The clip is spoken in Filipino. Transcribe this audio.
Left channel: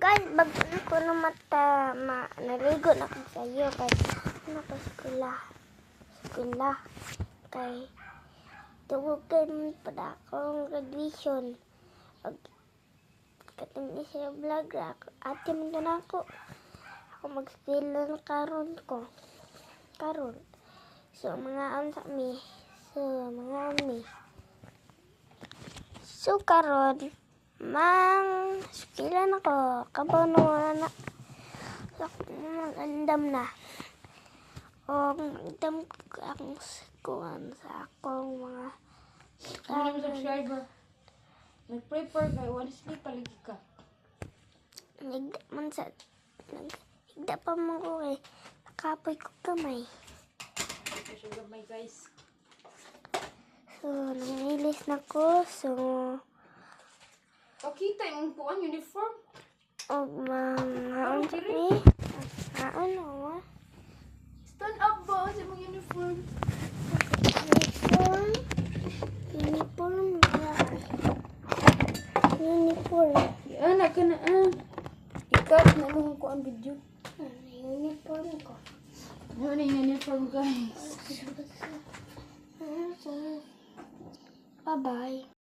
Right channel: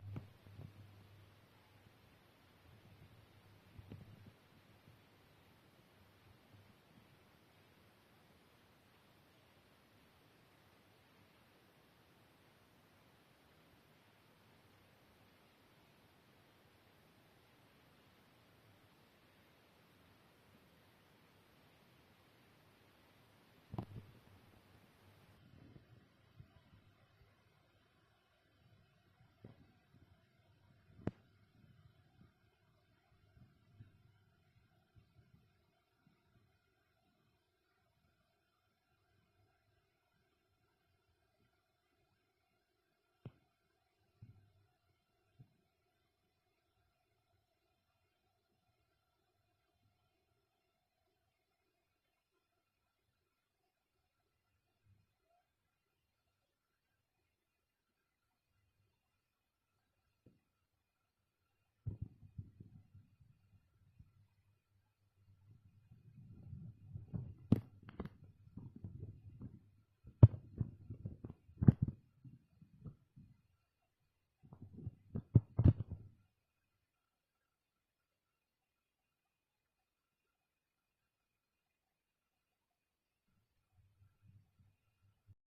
Guys, bago na ko na naligo na ko sa iyo kay ano pa eskwela kay tugog kay pada akong graduation. Katong isa vlog ra ate man na ako mag-film karon so mga so karon mang eskwela na ko kabaw na so andam na o andam ang kuan sa akong mga Ano naman subscriber? Nag-prepare kay honestly palagi ka. Nagda pa mo ko eh. Nakapoy ko kamay. Kasi gamay guys. So, nangilis na ko. So, Pakita yung kuan uniform. o mga ano, Stand up ba sa mga uniform? Uniform. Anak ka na Ikat na nung kuan video. Uniform ko. Ano na yung uniform guys? Bye-bye.